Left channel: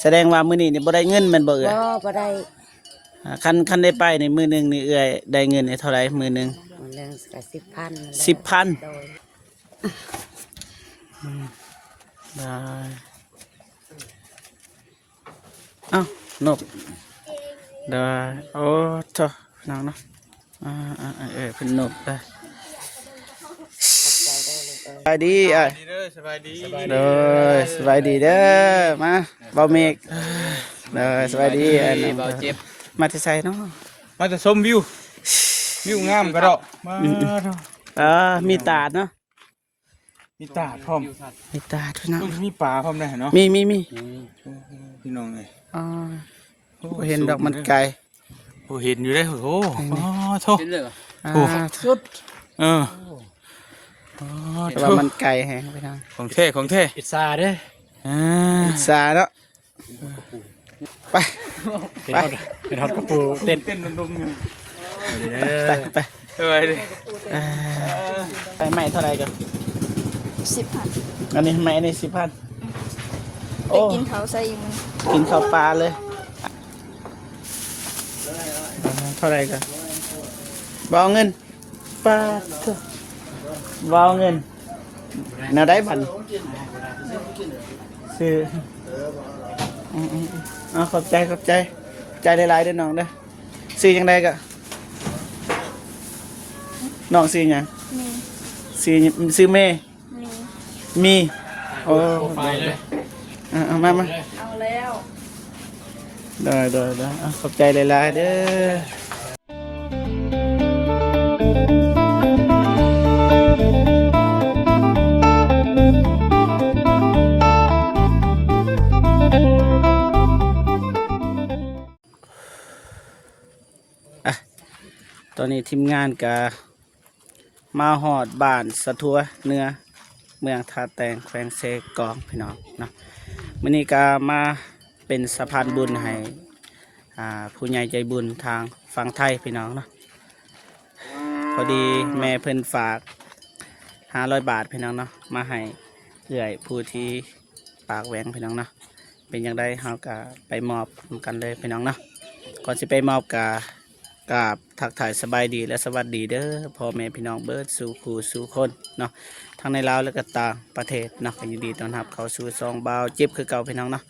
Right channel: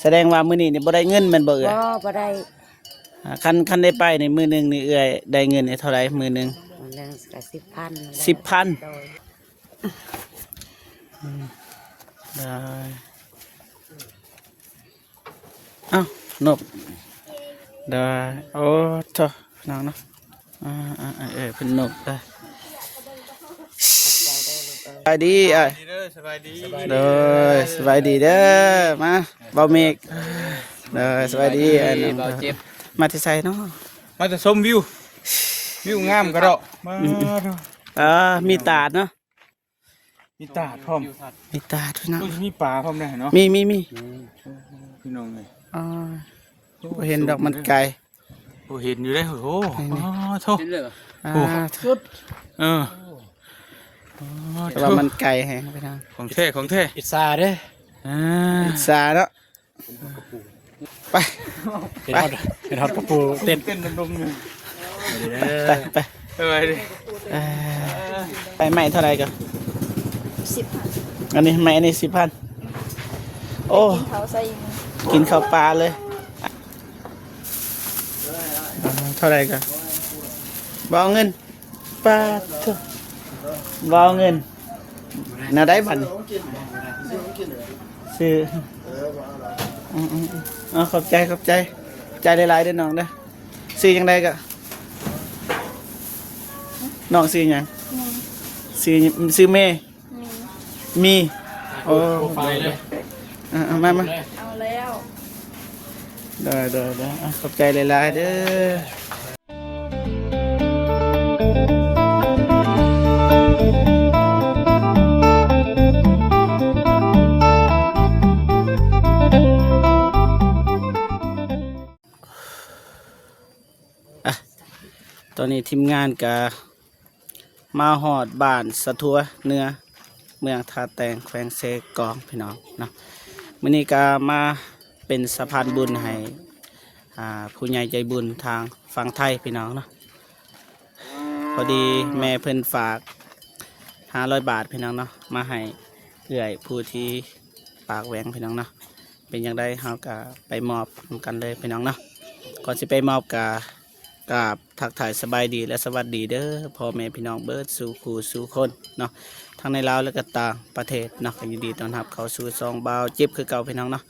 แสดงว่ามื้อนี้นี่บ่ได้เงินแม่นบ่เอ่ยบ่ได้คันได้ไปในมื้อหนึงนี่เอ่ยได้เงินนี่เท่าไหร่มื้อหนึงมื้อนึงก็10,000 10,000อ้าวนกได้โอ้จ้ะน้องเนาะเพิ่นนกได้สบายดีสบายดีสบายดีเด้อมาบ่เมกสบายดีมาที่ไสเนาะมาจะชมวิวงามกระดอกมามีตาดเนาะมีตาพร้อมมีตาดพี่น้องมีปลาพร้อมได้เนาะมีพี่น้องเลยเห็นดอกมันไก่เห็นอยู่ได้โอ้โทษสุดว่ามันไก่แฮะพี่น้องของเท่พิซซ่าเด้อพิซซ่าเนาะไปทอดกระปูเต้นดงไปใหม่เท่าไรกัน10,000อันนี้ใหม่อันนี้10,000โอ้กินข้าวใส่กินข้าวปลาเลยเท่าไรกันบอเงินปลาบอเงินน่าได้พันซื้อขอบใจใจหลายๆด้วยน้องเด้อซื้อยังไงกะน้องซื้อยังซื้อเมย์มีโอ้ไปเลยมาเอาแล้วได้ขอบใจหลายๆเด้อตอนนี้ทีมงานกะมาหอดบ้านสะทัวเนื้อเมืองท่าแตงแขวงเซกองพี่น้องนะมื้อนี้ก็มาเป็นสะพานบุญให้ผู้ใหญ่ใจบุญทางฝั่งไทยพี่น้องเนาะพอดีแม่เพิ่นฝาก500 บาทพี่น้องเนาะมาให้เอื้อยผู้ที่ปากแหวงพี่น้องเนาะเป็นอย่างไรเฮาก็ไปมอบกันเลยพี่น้องเนาะก่อนสิไปมอบกับทักทายสบายดีและสวัสดีเด้อพ่อแม่พี่น้องเบิร์ดสู่คู่สู่คนเนาะทั้งในลาวและก็ต่างประเทศเนาะยินดีต้อนรับเข้าสู่ซองบ่าวเจ็บคือเก่าพี่น้องเนาะ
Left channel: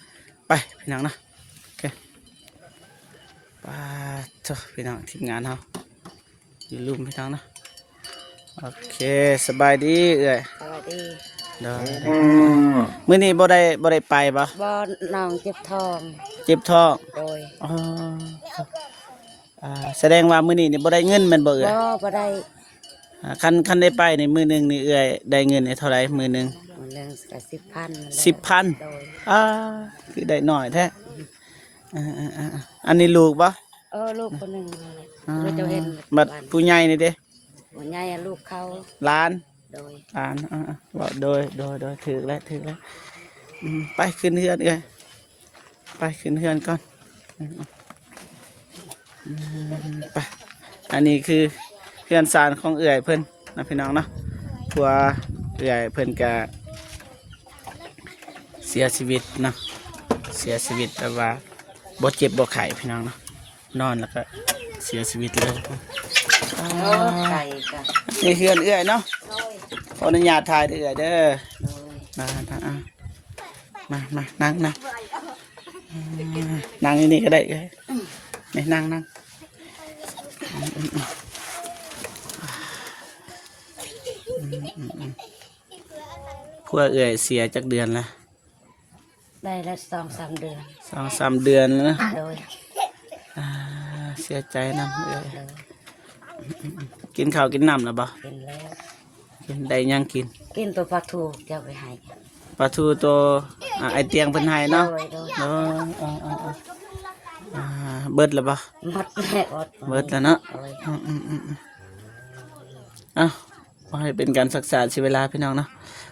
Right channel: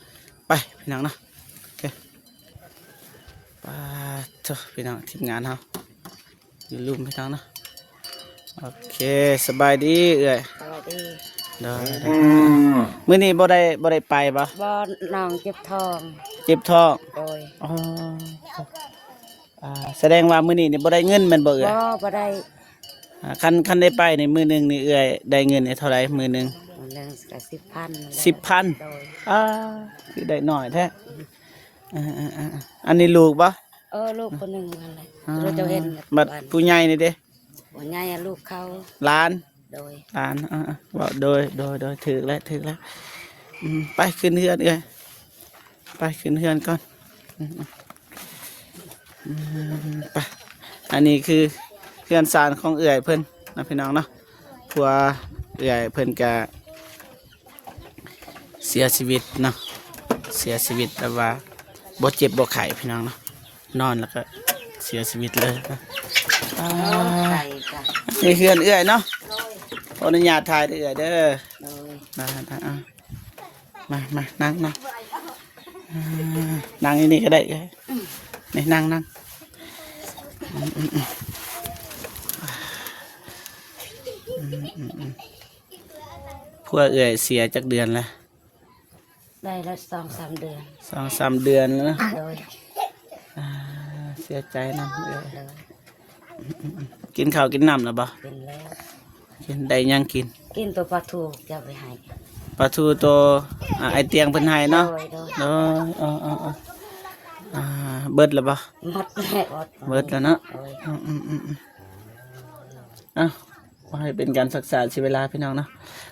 ไปพี่น้องเนาะโอเคไปจ้ะพี่น้องทีมงานเฮาอย่าลืมพี่น้องเนาะโอเคสบายดีเอ้ยสวัสดีได้มื้อนี้บ่ได้ไปปะบ่น้องเจ็บท้องโดยแสดงว่ามื้อนี้นี่บ่ได้เงินแม่นบ่เอ้ยบ่ได้คันได้ไปในมื้อหนึงนี่เอ้ยได้เงินนี่เท่าไหร่มื้อหนึงมื้อนึงก็10,000คือได้น้อยแท้อันนี้ลูกปะลูกคนหนึ่งนั่นแหละเจ้าเห็นบัดผู้ใหญ่นี่เด้ผู้ใหญ่ลูกเขาหลานโดยว่าโดยถึกแล้วไปขึ้นเฮือนเอ้ยไปขึ้นเฮือนก่อนไปอันนี้คือเฮือนศาลของเอื้อยเพิ่นนะพี่น้องเนาะผัวเอื้อยเพิ่นก็เสียชีวิตนะแต่ว่าบ่เจ็บบ่ไข้พี่น้องเนาะนอนแล้วก็เสียชีวิตเลยนี่เฮือนเอื้อยเนาะขออนุญาตถ่ายเอื้อยเด้อมานั่งอยู่นี่ก็ได้นี่นั่งพวกเอื้อยเสียจากเดือนละได้ละ2-3 เดือน2-3 เดือนนะเสียใจนะเอ้ยกินข้าวกินน้ำหรือเปล่ากินได้ยังกินตัวปลาทูจะไปให้ปลาทูตัวไอเตียงเพิ่นให้เนาะเบิดแล้วปะเบิดแล้วเนาะมาให้เป็นการศึกษาชีวิตเวลาพี่น้องเนาะ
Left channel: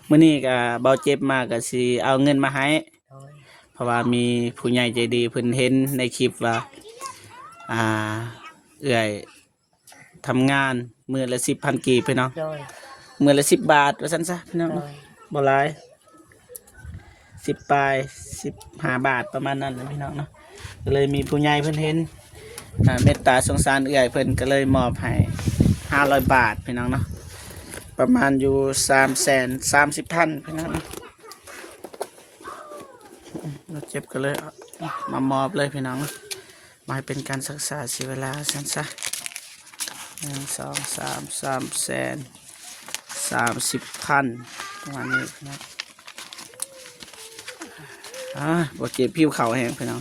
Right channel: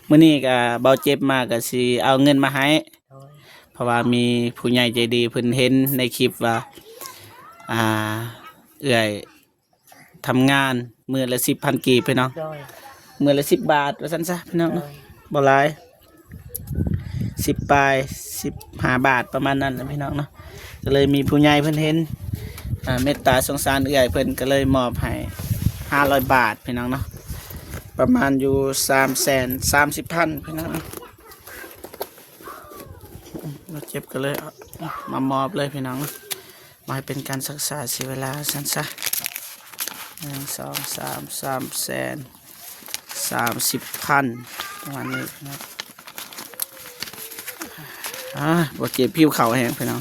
มื้อนี้ก็เบาเจ็บมากก็สิเอาเงินมาให้เพราะว่ามีผู้ใหญ่ใจดีเพิ่นเห็นในคลิปว่าเอื้อยทำงานมื้อละ10,000 กีบพี่น้องมื้อละ10 บาทว่าซั่นซะพี่น้องบ่หลาย 10 ปลาย15 บาทประมาณนั้นแหละพี่น้องเนาะก็เลยมีผู้ใหญ่เพิ่นเห็นเมตตาสงสารเอื้อยเพิ่นก็เลยมอบให้500 บาทพี่น้องเนาะประมาณอยู่330,000พี่น้องเนาะเราเจ็บก็เลยเอามามอบเลยพี่น้องมาให้เป็นการศึกษาเสียเวลาสั้นซะ1 2 3 330,000ประมาณนี้นะบ่เจ็บผิวเข่าแห้งพี่น้อง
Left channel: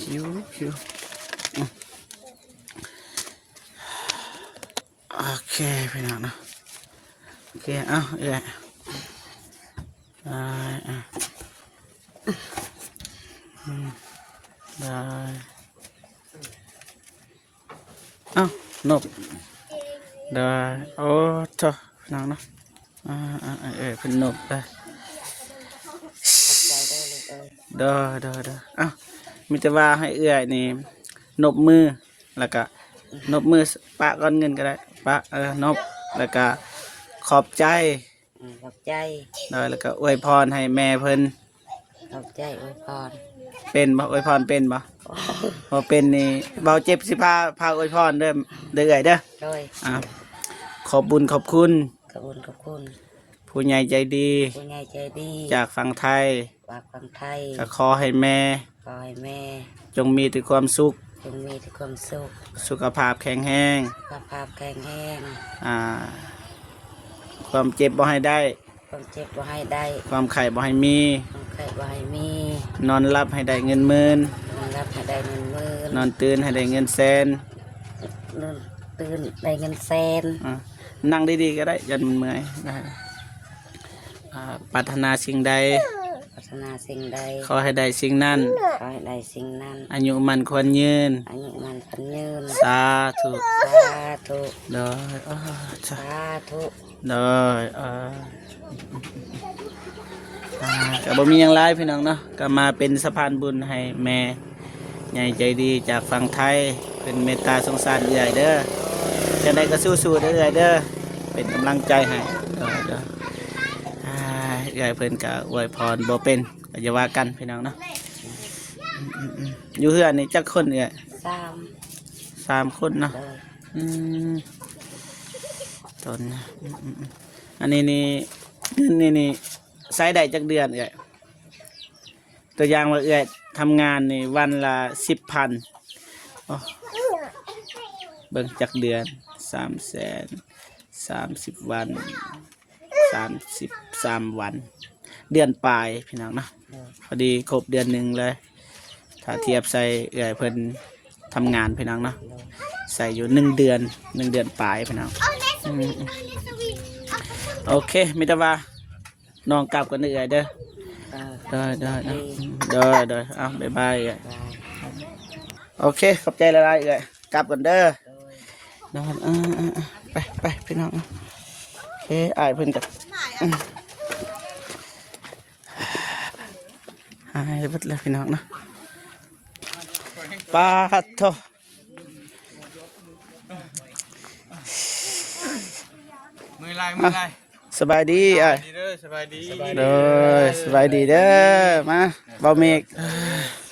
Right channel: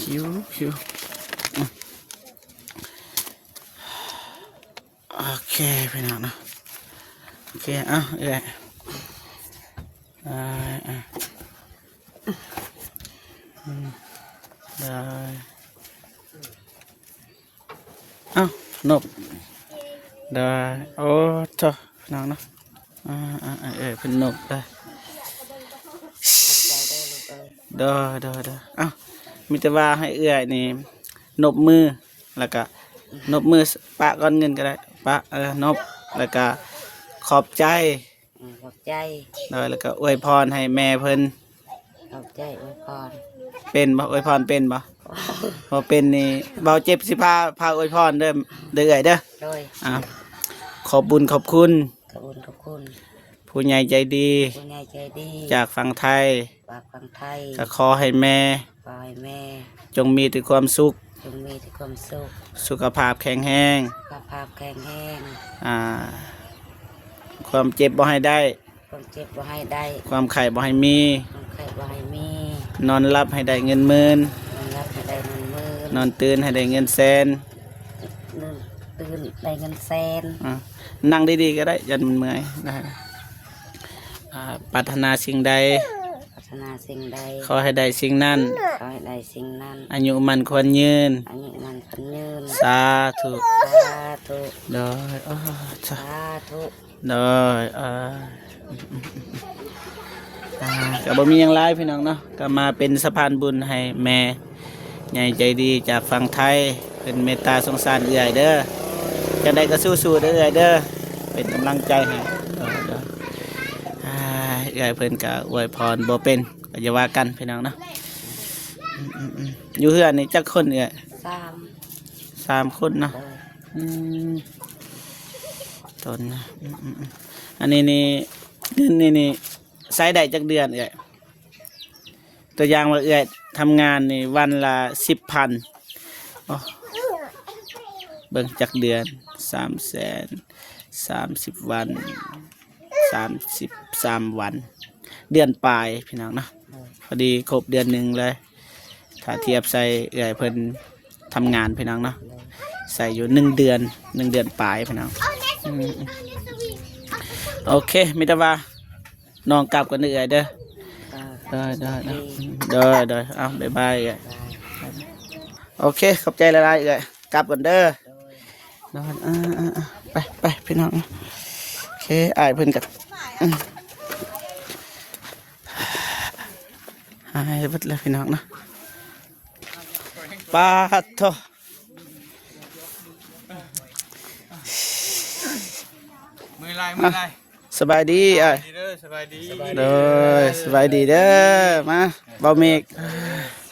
ผิวโอเคพี่น้องนะโอเคได้นบได้โอ้เจ้าน้องนะเพิ่นนบได้มีแต่ว่าให้เอื้อยนี่นบมือแล้วก็นบมือปะก้อนเงินก็ได้ปะนบแล้วก็ขอบใจ ขอบใจ แล้วก็อวยพรให้แม่เพิ่น ขอบใจอวยพร เป็นบ่อวยพรเป็นบ่บ่เป็นนี่เบาเจ็บสิพาอวยพรเด้อเอื้อยเด้อ โดย ขอบบุญขอบคุณ ขอบคุณ ผู้ใหญ่ใจดี ผู้ใหญ่ใจดี จากฝั่งไทย ฝากคนไทย ก็ขอให้แม่ ขอให้แม่ จงมีแต่ความสุข จงมีแต่ความสุข สุขภาพแข็งแรง สุขภาพแข็งแรง ความเจ็บบ่ให้ได้ ความเจ็บบ่ให้ได้ ความไข้บ่ให้มี ความไข้บ่ให้มี นอนหลับให้ได้เงินหมื่น นอนรับให้ได้เงินหมื่น นอนตื่นให้ได้เงินแสน ตื่นได้เงินแสน นั่งดีๆก็ได้ยันมันเมื่อยนะปรารถนาสิ่งใด พัฒนาสิ่งใด ขอให้ได้สิ่งนั้น ขอให้ได้สิ่งนั้น อายุมันควรยืน อายุมันพันยืน สาธุ สาธุ เด้อ สาธุ เด้อก็บ่มีหยังหลายพี่น้องเนาะก็มาเป็นสะพานบุญให้แม่ใหญ่ใจดีจากฝั่งไทยเป็นเมตตาสงสารเอื้อยเด้อจังไดก็สู้ๆเด้อเอื้อยเด้อเป็นกำลังใจให้เอื้อยเพิ่นก็อวยพรบ่เป็นก็อย่าว่ากันพี่น้องเนาะอยู่เฮือนนี่จักคนเอื้อย 3 คนเนาะตอนอันนี้นี่เงินนี่ใช้ได้จักเดือนเอื้อยตัวอย่างว่าเอื้อยทำงานนี่วันละ 10,000เบิ่งจักเดือน330 วัน33 วันเดือนปลายพี่น้องนะพอดีครบเดือนหนึ่งเลยถ้าเทียบใส่เอื้อยเพิ่นทำงานพี่น้องเนาะใส่อยู่1 เดือนปลายพี่น้องโอเคมิตรว่าน้องกลับกันเอื้อยเด้อได้เอาบ๊ายบายเอื้อยโอเคขอบใจหลายๆเอื้อยกลับกันเด้อนอนไปพี่น้องโอเคอ้ายเพิ่นกับหายไปแล้วพี่น้องนะปาโถ มือลาย สบายดีอ้าย สบายดี เด้อสบายดีเด้อมาเบาเมฆ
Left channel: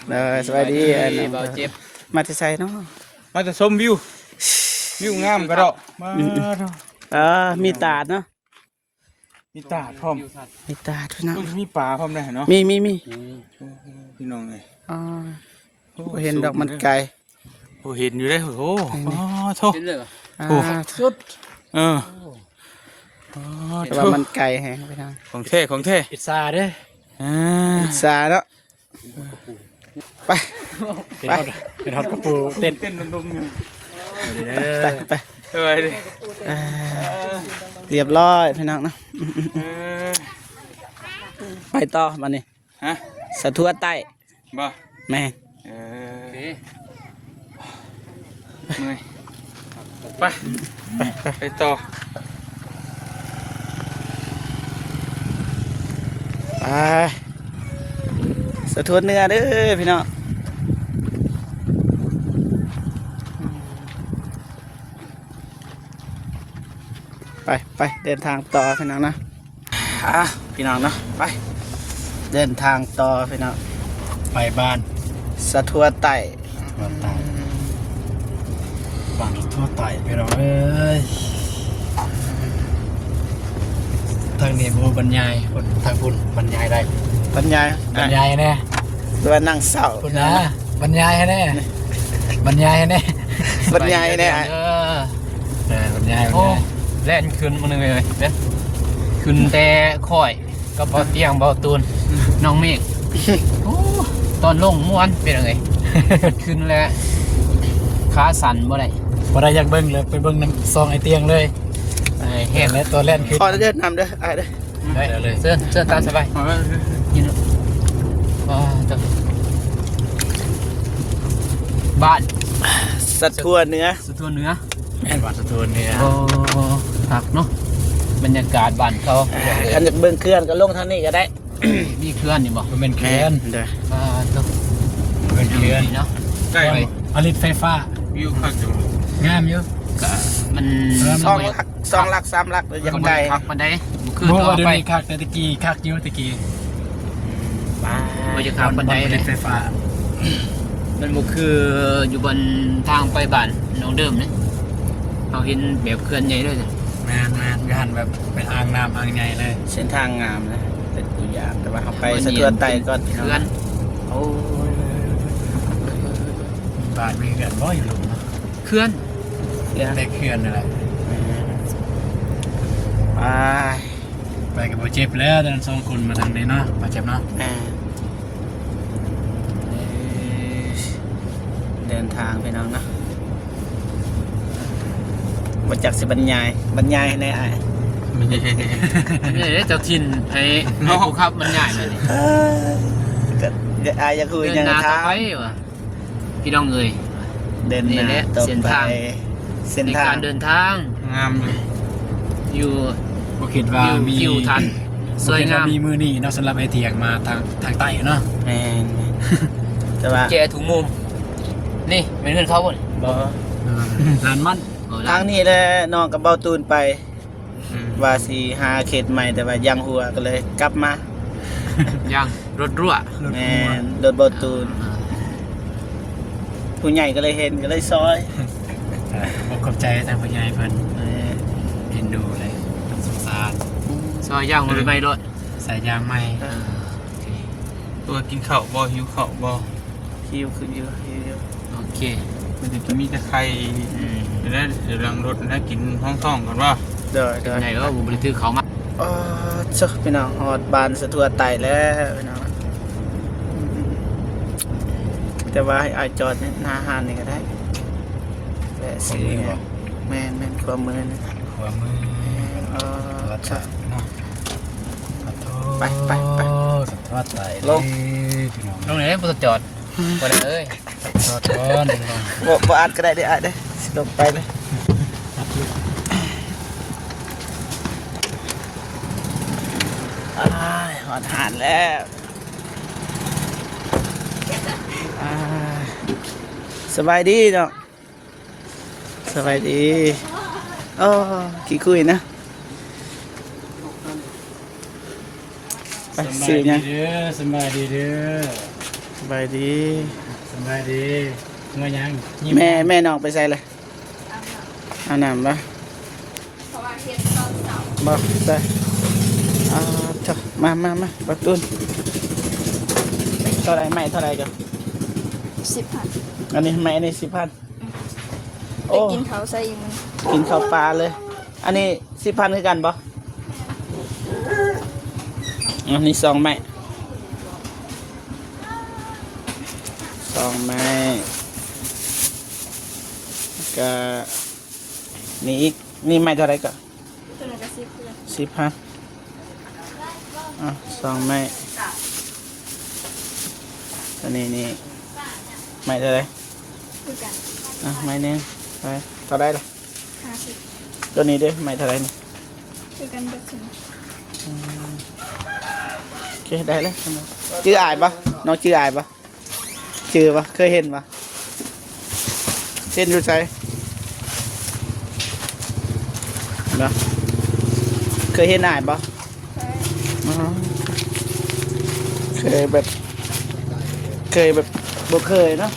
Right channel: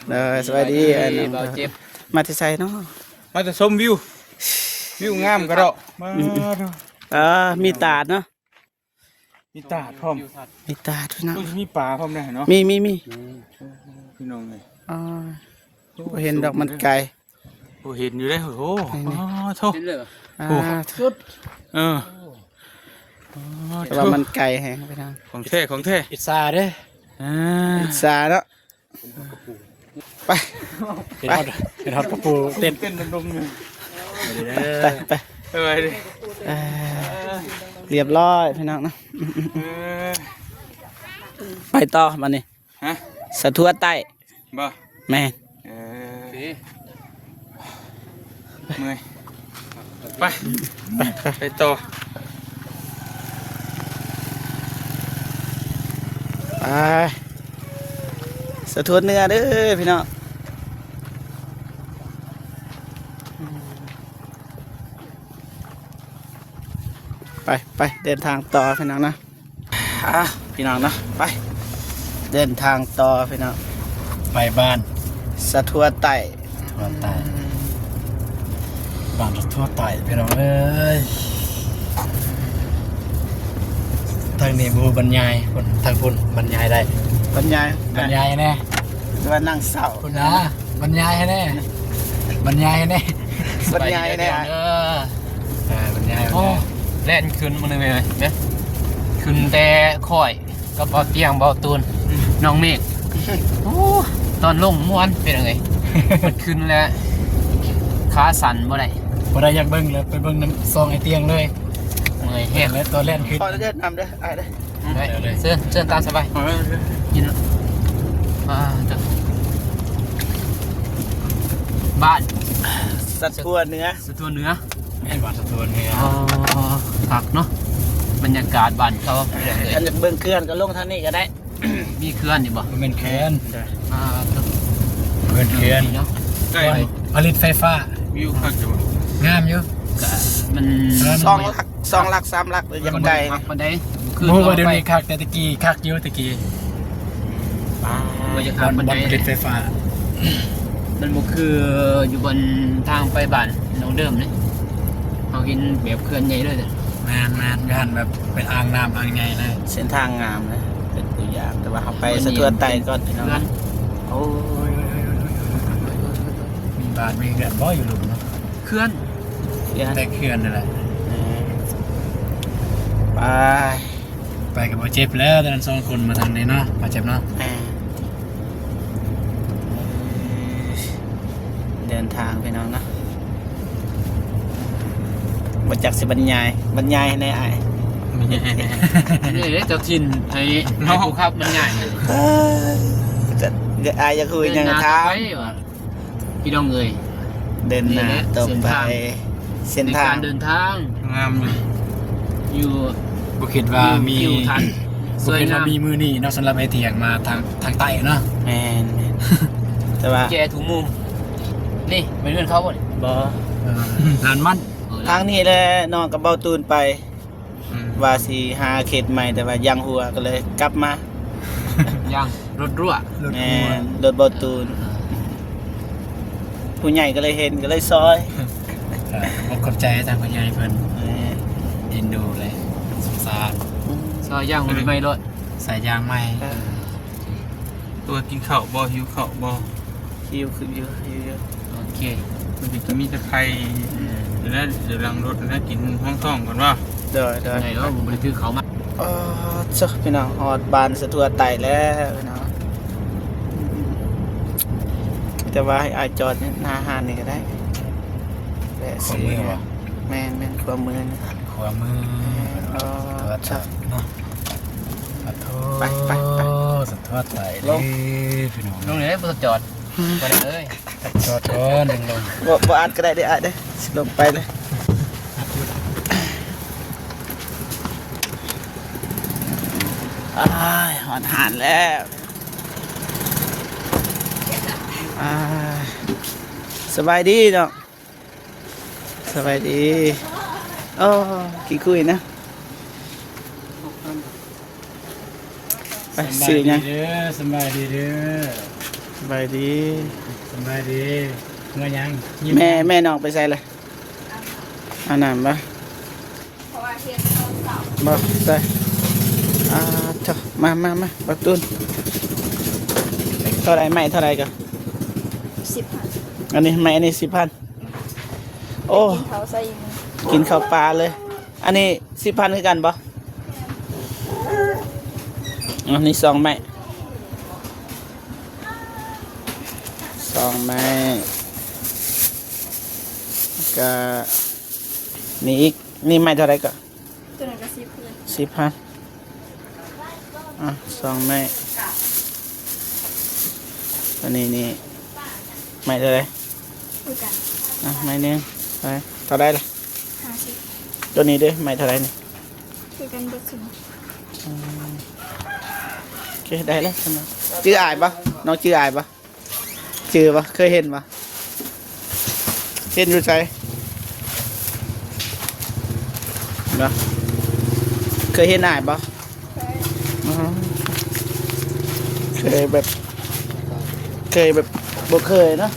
เด้อสบายดีอ้ายน้องมาที่ไสเนาะ มาจะชมวิวงามกระดอกมา มีตาดเนาะ มีตาพร้อม มีตาดพี่น้อง มีปลาพร้อมได้เนาะ มีพี่น้องเลย บ่เห็นดอกมันไก่ โอ้เห็นอยู่ได้โอ้โหโทษ สุดแต่ว่ามันไก่แฮะพี่น้อง ของเท่ พิซซ่าเด้อ สาเนาะไป เป็นฮอตกระปูเต้น ดงๆเลย ไป อะไรดิ เรียบร้อยพี่น้องนะไปต่อมานี่ ฮะ สะทั่วใต้ บ่ แม่ เมื่อยไปต่อ สะทั่วเนื้อเด้อพี่น้องไปเดินทางต่อพี่น้องนะ พี่น้องเนาะไปเดินทางต่อพี่น้อง ไปบ้าน สะทัวไต่ ทั่วไต่บ้านทั่วไต่พี่น้องเอ้ยทางนี้บูบรรยายคนทางคนบรรยายได้ บรรยาย บรรยายแน่ ตัวนั่งเศร้า คุณนะบรรยายให้แน่บรรยายให้แน่ บรรยายเนี่ย บรรยาย โอ้แล่นขึ้นมาเลยเนี่ยขึ้นแต่ค่อยก็เบาเตียงเบาตูนน้องเมฆโอ้ตอนลงม้วนเป็นยังไงมันขึ้นแล้วขาสั่นบ่ได้ บ่ได้อยากเบิ่งเลยไปเบิ่งน้ำซองไอเตียงเลย เห็น และตัวแล่นขึ้น พอเดินนำเด้อไอ้เด้อ เสื้อตามสบายยินบ้าน สะทัวเนื้อ สะท้อนเนื้อ แม่นว่าสะท้อนเนี่ย โอ้ผักเนาะบรรยากาศบ้านเขา อันจะเบิ่งเคลื่อนก็ลงทางนี้ก็ได้ มีเคลื่อนนี่บ่ มันเป็นเคลื่อน เด้อ ตัว เป็นเคลื่อน เนาะ ผลิตไฟฟ้า วิวผัก งามอยู่ มัน 2 หลัก 3 หลักเลยยังได้ ผักมันได้คือ โอ้ ตัว ว่าเดี๋ยว ไป นี้คักแต่ตะกี้คักอยู่ตะกี้ บรรยากาศบันได ผ เล ลิ ย ตไฟฟ้า มันบ่คืออยู่บนทางไปบ้านน้องเดิมเลยเราเห็นแบบเคลื่อนใหญ่เลย แม่นงานแบบเป็นอ่างน้ำอ่างใหญ่เลย เส้นทางงามนะเป็นอีกอย่างแต่ว่าเขาไปสะทัวไต่ก่อนพี่น้อง เคลื่อน โอ้ย มีบ้านมีเรือนบ่อยู่หลุมนะ เคลื่อน แต่เคลื่อนนั่นแหละ ไป ไปกับโบเจ็บแล้วตอนนั้น2 คนมาทางนี้เนาะมาเจ็บเนาะ เดินทางพี่น้องนะมาจากสิบรรยายในไอ้ นี่เจ้าถิ่นไอ้ภูครับมันใหญ่เลย ไอ้จะคุย เดิน ยัง หน้า เท้า ต่อไปว่ะพี่น้องเอ๋ย เดินหน้า นี่แหละ ต่อ เส้น ไป ทาง เส้น ใน ทาก าง รเดินทาง งามเลย อยู่ บ่คิดว่ามี คิวทันสวยงาม มีมือนี่เนาะสำหรับไอเตียงมาทางใต้เนาะ แมนแต่ว่า แกถุงมุมนี่เป็นเพื่อนเขาบ่นี่ บอ ร้านมัน ทางนี้แหละน้องกับเบาตูนไป ว่าสีหาเขตใหม่แต่ว่ายังหัวก็เลยกลับมา ยังรถรั่ว แมนโดนเบาตูนผู้ใหญ่ก็เลยเห็นก็เลยซอย ผมขอบใจทางผู้ใหญ่เพิ่น เออ เอ็นดูเลยสงสาร ซอยย่างหรือไม่รถ ใส่ยางใหม่ ตัวกินข้าวบ่หิวข้าวบ่ คิวขึ้นอยู่ โอเค มันจะกินมีแต่ไข่ แล้วหลังรถแล้วกินห้องท้องก่อนว่า เดี๋ยว ได้แล้วผมบริถือเขามา อ๋อเจ้าพี่น้องฮอดบานสะทัวไต่แล้วพี่น้องแต่ว่าให้อายจอดเนี่ยหน้าห้านนี่ก็ได้ ขวามือบ่ แม่นความมือนะ ขวามือ อ๋อ ตัวใต้เนาะขอโทษ ไป สุดทอดไต่พี่น้อง ลงไหนบ่ต้องจอดบ่ได้เอ้ย จอดก่อนลง บ่อ่านก็ได้เด้ออ่านเด้อสนุกไปเลยหอดหานแล้วสบายดีเนาะสบายดีอ๋อกี่คุยนะไป ส สี่ บายดี นะ เด้อสบายดีเด้อ สบายดี สบายดีมายัง แม่น้องไปใส่เลยเอาน้ำปะ เพราะว่าเฮ็ดตอนเสาร์ บอกใส่เถอะมาปักตุนเท่าไรไม่เท่าไรกัน 10,000 อันนี้ไม่อันนี้10,000 ไป โอ้ กินเขาวใส่อยู่ กินข้าวปลาเลย อันนี้10,000คือกันบ่อันนี้2 ไม้2 ไม้ก็นี่อีกนี่ไม้เท่าไรกัน ตัวนั้นก็10คือกัน 10,0002 ไม้อันนี้ไม้เท่าไร คือกัน ไม้หนึงไปเท่าไรล่ะ 50ตัวนี้ด้วยไม้เท่าไรนี่ คือกันเบิดถึง โอเคได้แล้วชื่ออายปะน้องชื่ออายปะชื่อปะเคยเห็นปะเห็นรู้ใจเนาะเคยเห็นอายปะ ใช่ เคยแบบบ่เคยเนาะ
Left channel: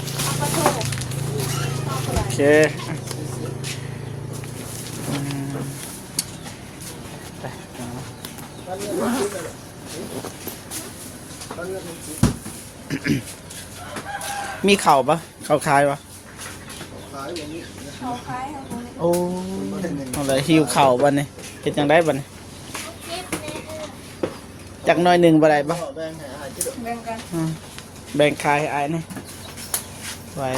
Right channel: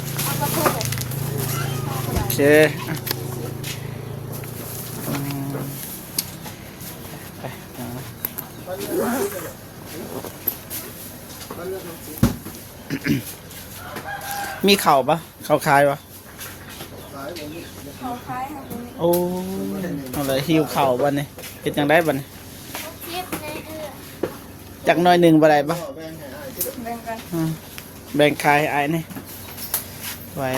โอเคมีเข่าปะเข่าคายปะ เขาคล้ายเขา โอ้อะไรหิวเข่าบันนี่เป็นจังได้บัดนจากหน้อยหนึ่งบ่ได้ปะ แบ่งกัน แบ่งคายไอ้นี่ไว้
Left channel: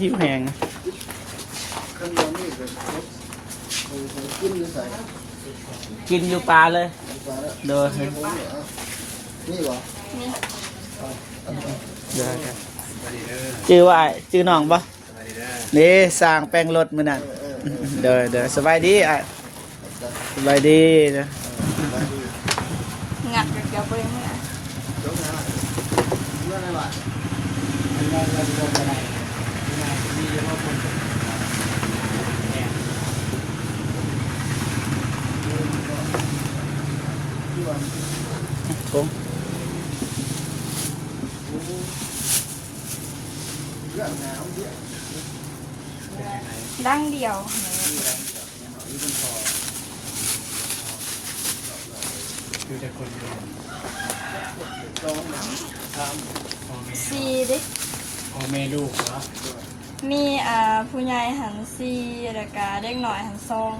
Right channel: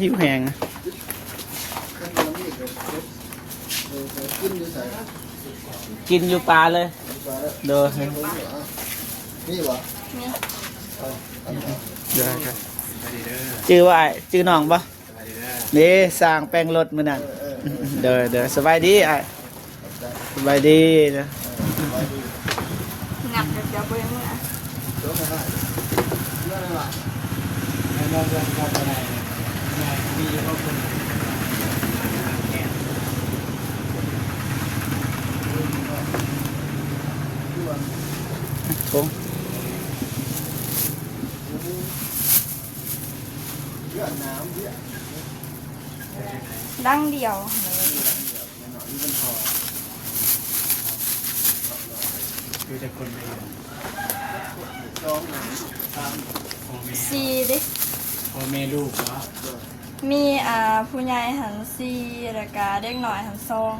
หิวแหงนะกินอยู่ปลาเลยเด้อชื่อว่าไอ้ชื่อน้องปะนี่สร้างแปลงรถมือนั่นเด้อสบายดีไอ้สบายดีนะ งัดกับเกี่ยวไปเลยนะ ทง ดังเดียวสี่ดิ พ่อแม่ลูกเหรอ มีผู้ใหญ่หันสี่แล้วก็เด็กหน่อยหันสอง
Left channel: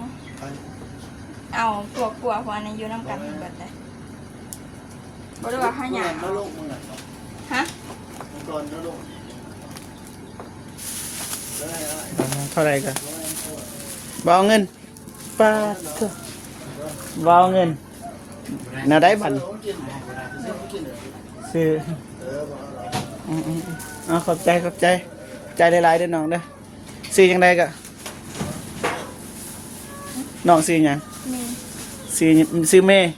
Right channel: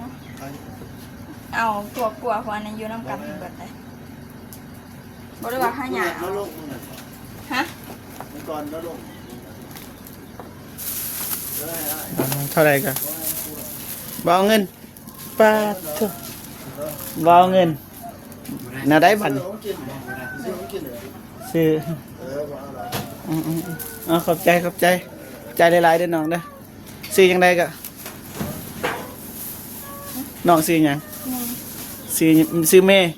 เอากลัวเพราะอันนั้นอยู่น้ำกันทั้งหมดเลยบอกเลยว่าข้าหยาเอาฮะ เท่าไหรกันบเอาเงินป้าเถอะบเอาเงินน่าได้บันซื้อเอาขอบใจใจหลายๆเด้อน้องเด้อซื้อยังไงกะน้องซื้อหยัง มี ซื้อเมย์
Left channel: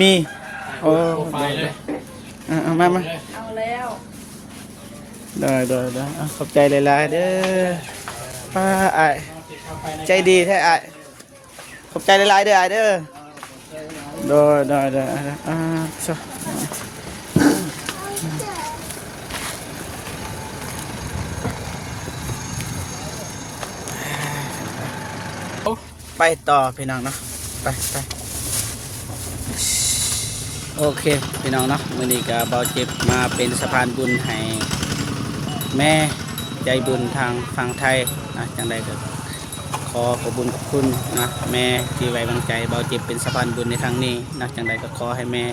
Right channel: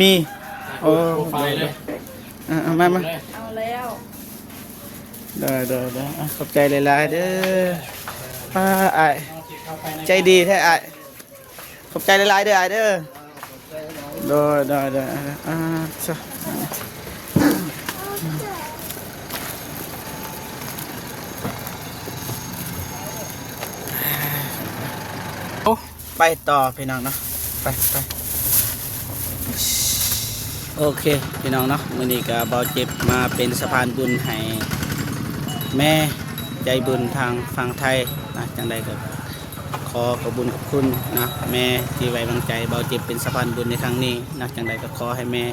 มี มีโอ้ ไปเลย เอามา เอาแล้ว เด้อเอาขอบใจหลายๆเด้ออ้ายใจดีแท้อ้ายขอบใจหลายๆเด้ออ้ายเด้อเด้อซะโอ้ไปต่อพี่น้องเนาะไปโอเคพี่น้องเนาะวันนี้ก็เบาจิตมาเป็นสะพานบุญให้แม่ใจบุญทางฝั่งไทยนะจังใดขอขอบคุญขอบคุณนะแม่ที่ไว้วางใจเบาจิตเป็นสะพานบุญในทางนี้นะจังใดก็ขอให้แม่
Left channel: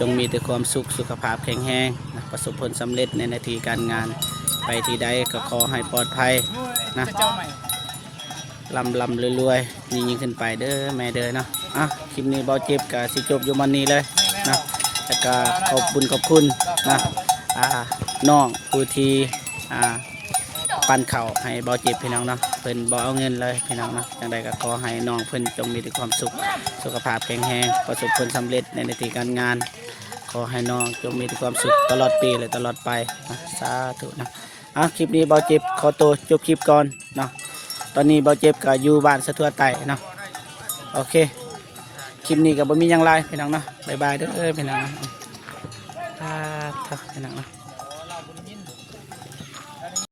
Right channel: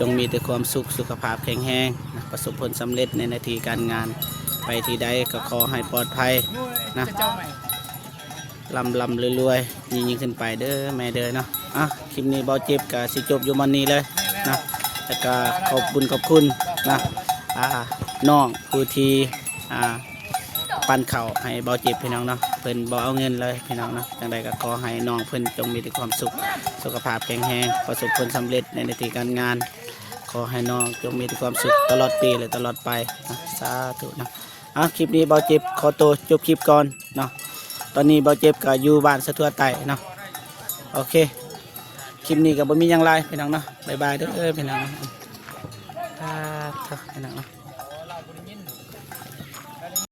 จงมีแต่ความสุขสุขภาพแข็งแรงนะประสบผลสำเร็จในหน้าที่การงานไปที่ใดก็ขอให้ปลอดภัยนะลำรวยๆยิ่งขึ้นไปเด้อแม่เด้อเนาะคลิปนี้เบาเจ็บกับสิจบอยู่มันนี้เลยนะแล้วก็ขอบคุณนะน้องผู้ที่ปั่นเข่าให้เบาเจ็บพี่น้องเนาะเพิ่นบ่เอาเงินเลยพี่น้องเนาะจังใดก็ขอให้น้องเพิ่นจงมีแต่ความสุขสุขภาพแข็งแรงประสบผลสำเร็จในหน้าที่การงาน ขอให้น้องจงมีแต่ความสุขตลอดปีและตลอดไปนะสาธุนะคลิปนี้เบาเจ็บขอตัวจบคลิปก่อนเนาะตอนนี้เบาเจ็บก็อยู่บ้านสะทั่วไต่เนาะโอเคคลิปนี้ก็บ่มีหยังไรพี่น้องเนาะบ๊ายบายเด้อพี่น้อง